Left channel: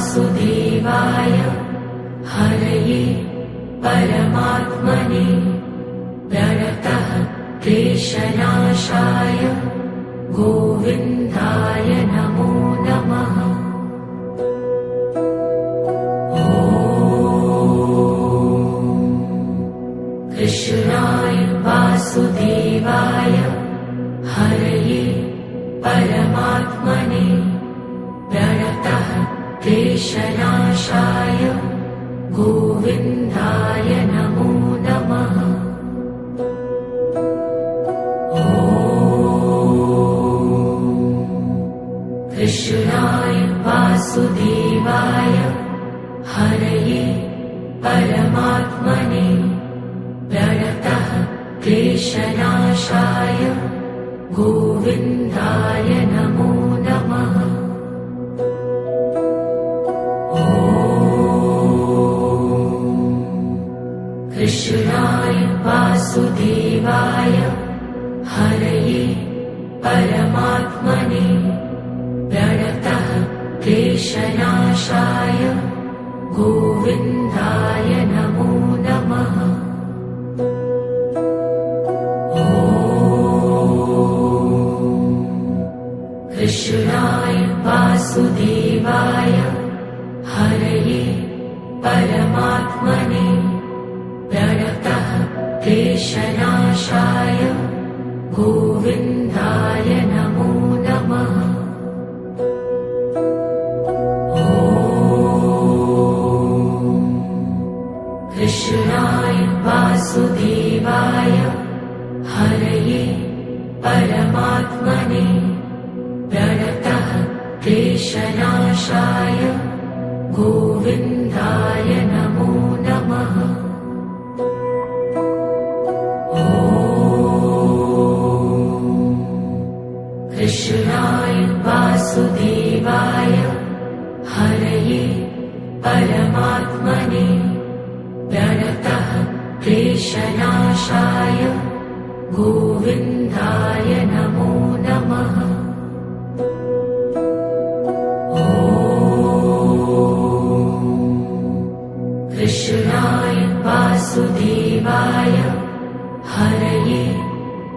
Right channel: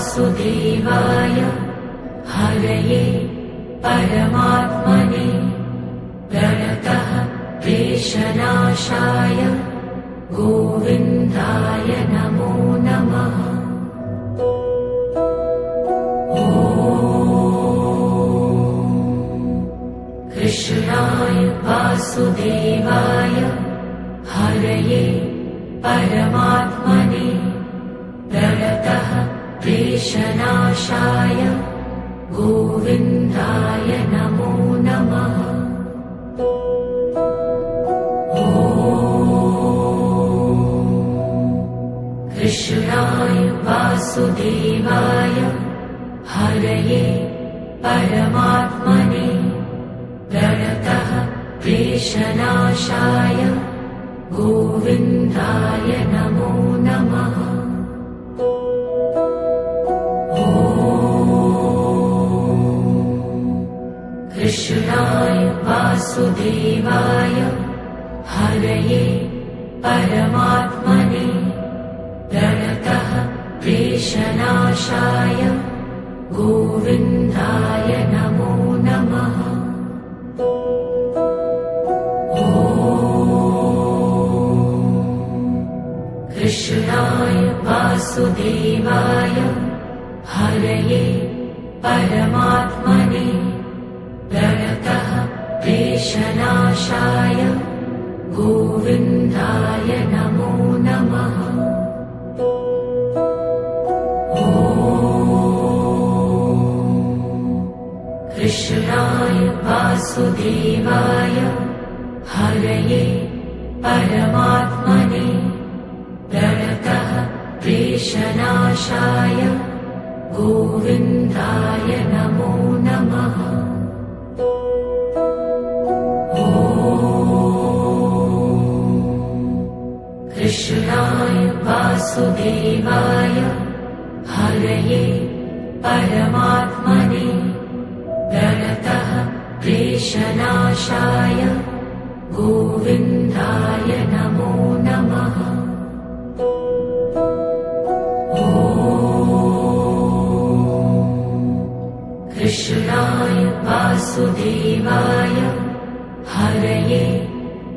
वासुदेवाय हरये परमात्मने प्रणतः क्लेशनाशाय गोविन्दाय नमो नमः। कृष्णाय वासुदेवाय हरये परमात्मने प्रणतः क्लेशनाशाय गोविन्दाय नमो नमः। कृष्णाय वासुदेवाय हरये परमात्मने प्रणतः क्लेशनाशाय गोविन्दाय नमो नमः। कृष्णाय वासुदेवाय हरये परमात्मने प्रणतः क्लेशनाशाय गोविन्दाय नमो नमः। कृष्णाय वासुदेवाय हरये परमात्मने प्रणतः क्लेशनाशाय गोविन्दाय नमो नमः। कृष्णाय वासुदेवाय हरये परमात्मने प्रणतः क्लेशनाशाय गोविन्दाय नमो नमः। कृष्णाय वासुदेवाय हरये परमात्मने प्रणतः क्लेशनाशाय गोविन्दाय नमो नमः। कृष्णाय वासुदेवाय हरये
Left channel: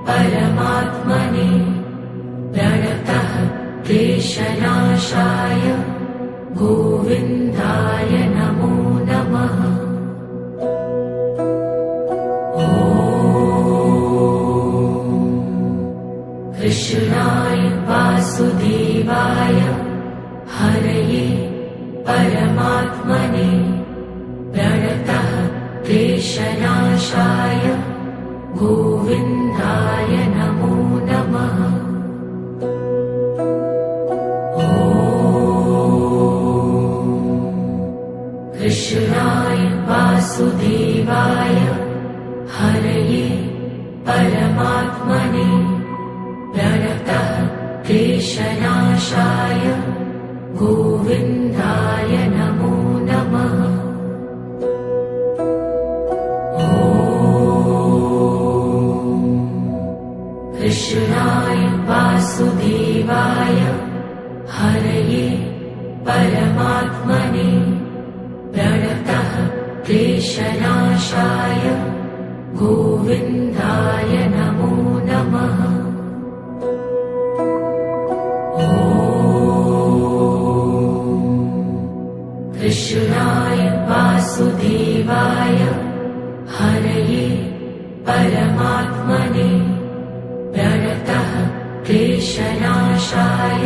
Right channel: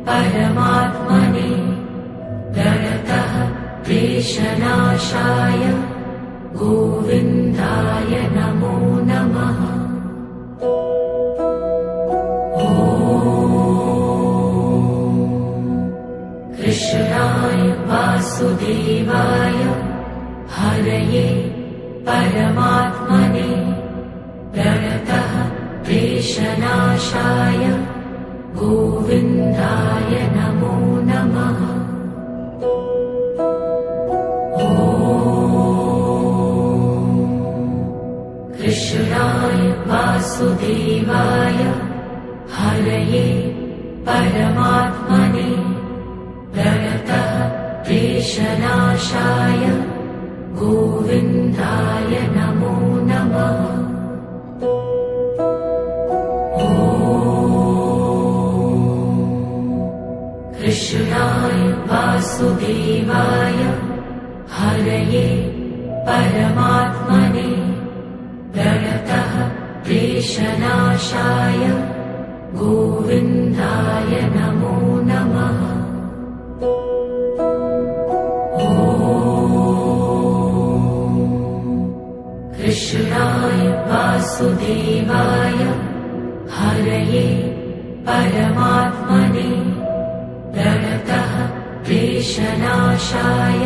परमात्मने प्रणतः क्लेशनाशाय गोविन्दाय नमो नमः। कृष्णाय वासुदेवाय हरये परमात्मने प्रणतः क्लेशनाशाय गोविन्दाय नमो नमः। कृष्णाय वासुदेवाय हरये परमात्मने प्रणतः क्लेशनाशाय गोविन्दाय नमो नमः। कृष्णाय वासुदेवाय हरये परमात्मने प्रणतः क्लेशनाशाय गोविन्दाय नमो नमः। कृष्णाय वासुदेवाय हरये परमात्मने प्रणतः क्लेशनाशाय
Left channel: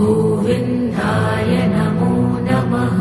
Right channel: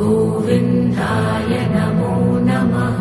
गोविन्दाय नमो नमः।